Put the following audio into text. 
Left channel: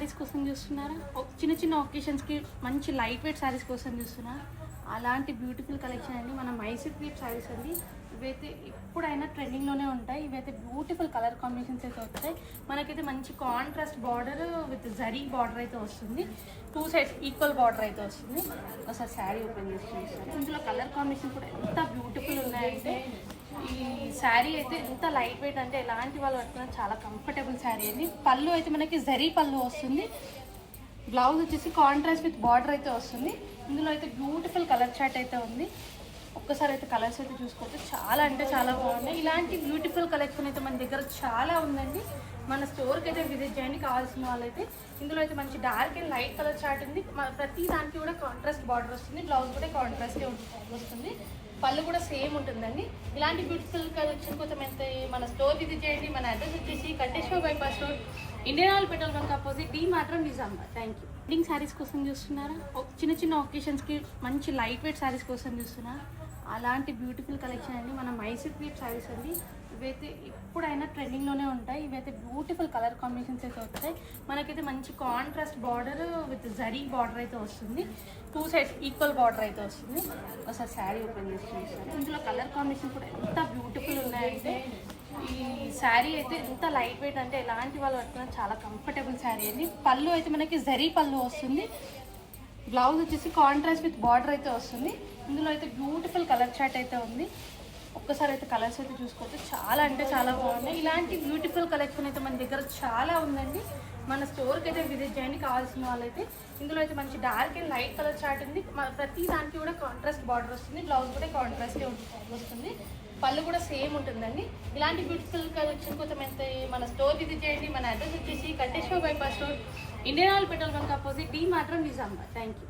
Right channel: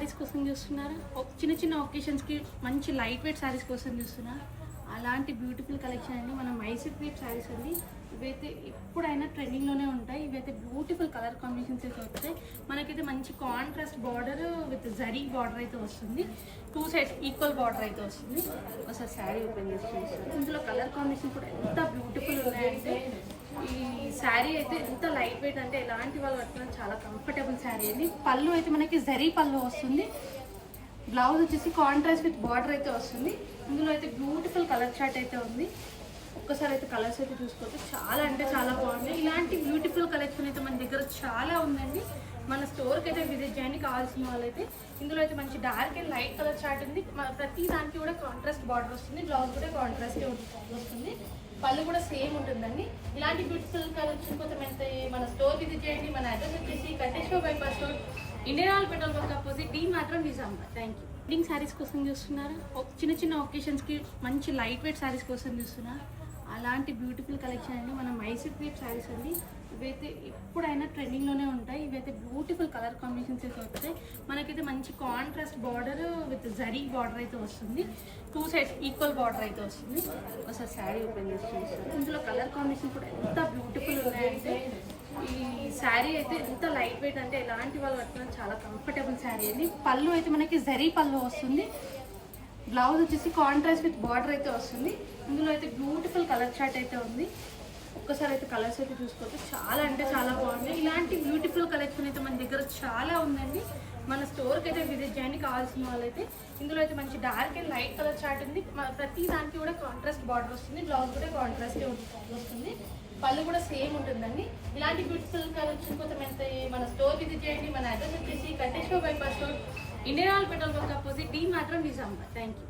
శారీస్ కోసం చూస్తున్నారా? చిన్న చిన్న ఒకేషన్స్కి మంచి లైట్ వెయిట్ శారీస్ కోసం చూస్తున్నారా? అలాంటి బ్యూటిఫుల్ కలెక్షన్ అండి మన మైసూర్ క్రేప్ శారీస్ అండి. ఇవైతే ఎప్పుడైనా ట్రెండింగ్లోనే ఉంటాయి. ఇవైతే బ్యూటిఫుల్ కలర్ కాంబినేషన్స్ అయితే వస్తాయి. మనకైతే మంచి contrast border with zari border అయితే వస్తుంది. 2 సైడ్స్ ఈక్వల్ బార్డర్ అయితే వస్తుంది. ఒకసారి శారీ ఓపెన్ చేసి చూపిస్తాను. ఇందులో కలర్ కాంబినేషన్ కూడా ఎంత బ్యూటిఫుల్ ఉన్నాయంటే ఈ శారీ అయితే ఎంత లైట్ వెయిట్ అంటే ఎలాంటి వాళ్ళు పట్టుకున్నా చాలా కంఫర్టబుల్ శారీ అండి. పళ్ళు అయితే మనకి జరీ పళ్ళు వస్తుంది. బ్లౌజ్ వచ్చేసి కాంట్రాస్ట్ విత్ బార్డర్ అయితే వస్తుంది. ఇందులో అయితే బ్యూటిఫుల్ కలర్ చార్ట్ అయితే ఉంది. ఒక్కసారి అయితే కలర్స్ అయితే చూసుకోవచ్చు. చాలా అంటే చాలా బాగుంది. ఇలాంటి బ్యూటిఫుల్ కలెక్షన్ అయితే మన దగ్గర చాలా ఉందండి. మన స్టోర్కి అయితే విజిట్ చేయండి కావాల్సిన వాళ్ళైతే. ఇందులో అయితే మంచి dark and light colour chart ఉంది. ప్రతి దానికి కూడా కాంట్రాస్ట్ బార్డర్ వస్తుంది. బ్లౌజ్ కూడా కాంట్రాస్ట్ వస్తుంది. పళ్ళు కూడా సేమ్ ఉంటుందండి. ఇలాంటి బ్యూటిఫుల్ కలెక్షన్ కోసం అయితే మన స్టోర్ విజిట్ చేయండి. మన అడ్రస్ వచ్చేసి Kanteshwar bypass road, Indian oil petrol bunk opposite, డి మాత్రం Nizamabad. Thank you. Wedding saris కోసం చూస్తున్నారా? చిన్న చిన్న ఒకేషన్స్కి మంచి లైట్ వెయిట్ శారీస్ కోసం చూస్తున్నారా? అలాంటి బ్యూటిఫుల్ కలెక్షన్ అండి మన మైసూర్ క్రేప్ శారీస్ అండి. ఇవైతే ఎప్పుడైనా ట్రెండింగ్లోనే ఉంటాయి. ఇవైతే బ్యూటిఫుల్ కలర్ కాంబినేషన్స్ అయితే వస్తాయి. మనకైతే మంచి contrast border with zari border అయితే వస్తుంది. 2 సైడ్స్ ఈక్వల్ బార్డర్ అయితే వస్తుంది. ఒకసారి శారీ ఓపెన్ చేసి చూపిస్తాను. ఇందులో కలర్ కాంబినేషన్ కూడా ఎంత బ్యూటిఫుల్ ఉన్నాయంటే ఈ శారీ అయితే ఎంత లైట్ వెయిట్ అంటే ఎలాంటి వాళ్ళు పట్టుకున్నా చాలా కంఫర్టబుల్ శారీ అండి. పళ్ళు అయితే మనకి జరీ పళ్ళు వస్తుంది. బ్లౌజ్ వచ్చేసి కాంట్రాస్ట్ విత్ బార్డర్ అయితే వస్తుంది. ఇందులో అయితే బ్యూటిఫుల్ కలర్ చార్ట్ అయితే ఉంది. ఒక్కసారి అయితే కలర్స్ అయితే చూసుకోవచ్చు. చాలా అంటే చాలా బాగుంది. ఇలాంటి బ్యూటిఫుల్ కలెక్షన్ అయితే మన దగ్గర చాలా ఉందండి. మన స్టోర్కి అయితే విజిట్ చేయండి కావాల్సిన వాళ్ళైతే. ఇందులో అయితే మంచి dark and light colour chart ఉంది. ప్రతి దానికి కూడా కాంట్రాస్ట్ బార్డర్ వస్తుంది. బ్లౌజ్ కూడా కాంట్రాస్ట్ వస్తుంది. పళ్ళు కూడా సేమ్ ఉంటుందండి. ఇలాంటి బ్యూటిఫుల్ కలెక్షన్ కోసం అయితే మన స్టోర్ విజిట్ చేయండి. మన అడ్రస్ వచ్చేసి Kanteshwar bypass road, Indian oil petrol bunk opposite, డి మాత్రం నిజామాబాద్. Thank you.